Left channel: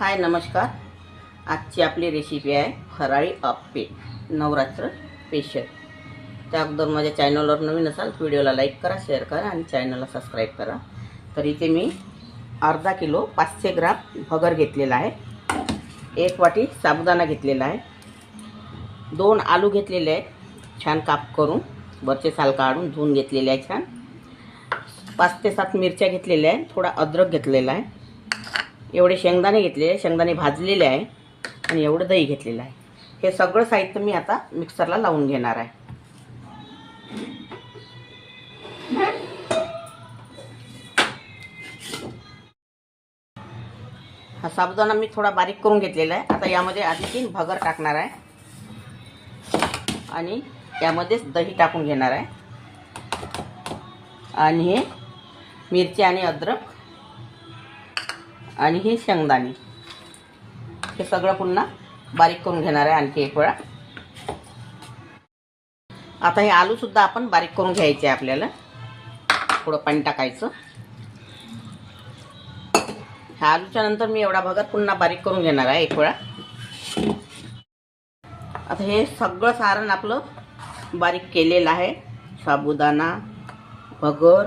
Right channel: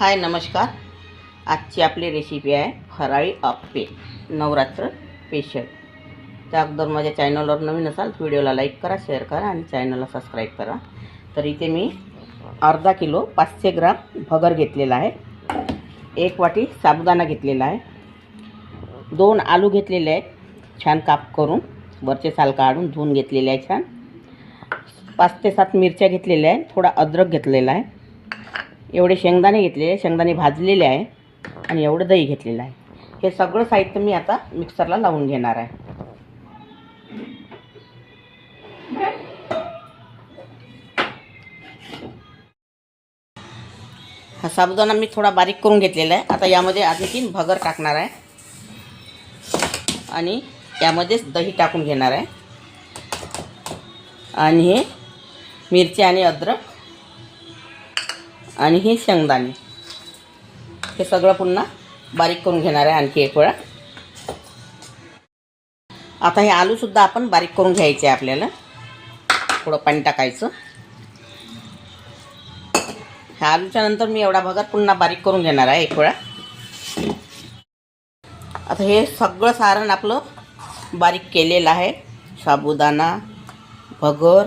हाय नमस्कार। आजची आपली रेसिपी आहे फराळी अप्पे नवरात्र स्पेशल। त्या अगोदर माझ्या चॅनलवर नवीन असाल तर व्हिडिओला लाईक करा, शेअर करा आणि चॅनलला सबस्क्राईब करा। तर इथे मी अर्धा किलो 500 ग्राम भगर घेतलेला आहे, 1 वाटी साबुदाणा घेतलेला आहे, 2 आलू घेतलेले आहेत छान काप करून, वरचे साल काढून धुवून घेतलेले आहे छान, 5 ते 7 मिरच्या घेतलेल्या आहे, थोडा अद्रक घेतलेला आहे, एवढे शेंगदाणे घेतलेले, शेंगदाणे भाजलेले आहे आणि एवढं दही घेतलेलं आहे। हे सगळं साहित्य मी आता मिक्सरला लावून घेणार आहे। हा साबुदाणा मी थोडा बारीक करून घेतलेला आहे। आता यामध्ये आधी 3 भगर टाकणार आहे आणि यामध्येच दही टाकून घेणार आहे आणि हे मिरची आणि अद्रक आणि हे शेंगदाणे हे सगळं पुन्हा बारीक करून घेणार आहे आणखी एक वेळा। आता हे आलू सुद्धा आपण बारीक करून घ्यायचे आहे, आपल्याला थोडं पाणी टाकायचं। ह्या आलूच्या नंतर मी एवढा भगर पुन्हा बारीक करून घेणार आहे एक वेळा। आता हे सगळं सारण आपलं बारीक केलेलं आहे, साबुदाणा, भगर,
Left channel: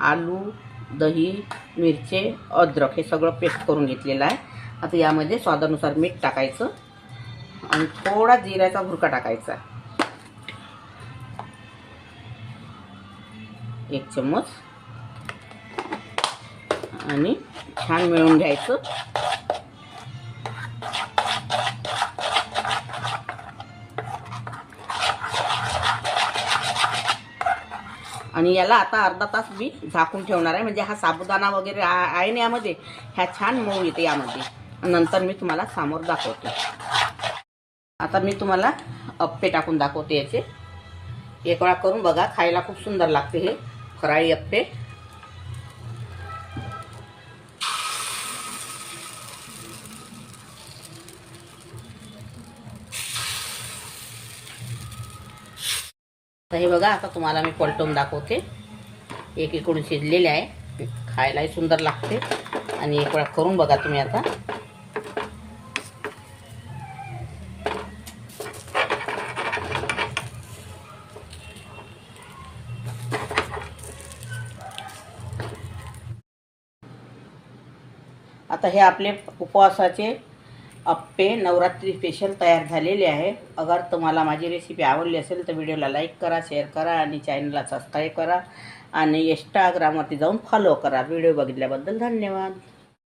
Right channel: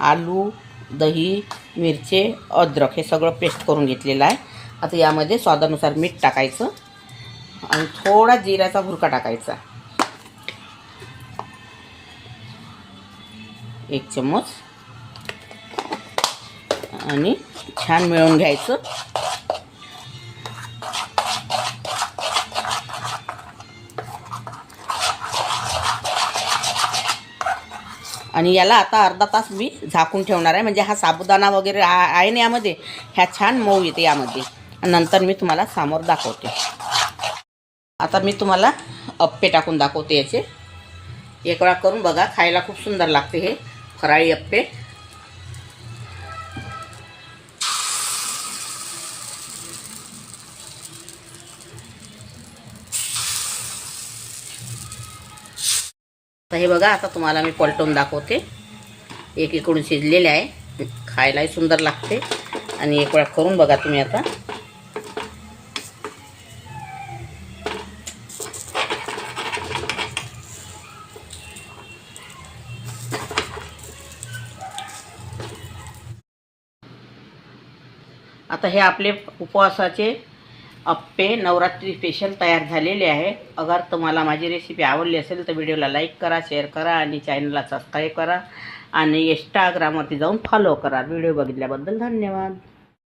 आलू, दही, मिरची, अद्रक हे सगळं पेस्ट करून घेतलेलं आहे। आता यामध्ये स्वादानुसार मीठ टाकायचं आणि थोडा जिऱ्याचा भुरका टाकायचा, 1 चम्मच, आणि छान मिळवून घ्यायचं। आणि याला आता अर्धा तास मी झाकून ठेवणार आहे, म्हणजे हा साबुदाणा वगैरे आहे ना यामध्ये, ह्या छान मऊ येते यामध्ये। नंतर मी तुम्हाला समोर दाखवते। आता मी तुम्हाला अप्पे टाकून दाखवते याचे। एक वेळा करून बघा, खायला खूप सुंदर लागते हे फराळी अप्पे। हे बघा, आता तुम्हाला मी पलटवून दाखवते। एकीकडून शिजलेले आहे, खायलाही सुंदर लागते आणि एक वेळा करून बघा तुम्ही आता। आता हे आपले उपवासाचे अप्पे नवरात्री स्पेशल तयार झालेले आहे। अगर तुम्हाला माझी रेसिपी आवडली असेल तर व्हिडिओला लाईक करा, शेअर करा आणि चॅनलला सबस्क्राईब करा आणि इंस्टाग्रामवरती जाऊन फॉलो करा। व्हिडिओ बघितल्याबद्दल धन्यवाद।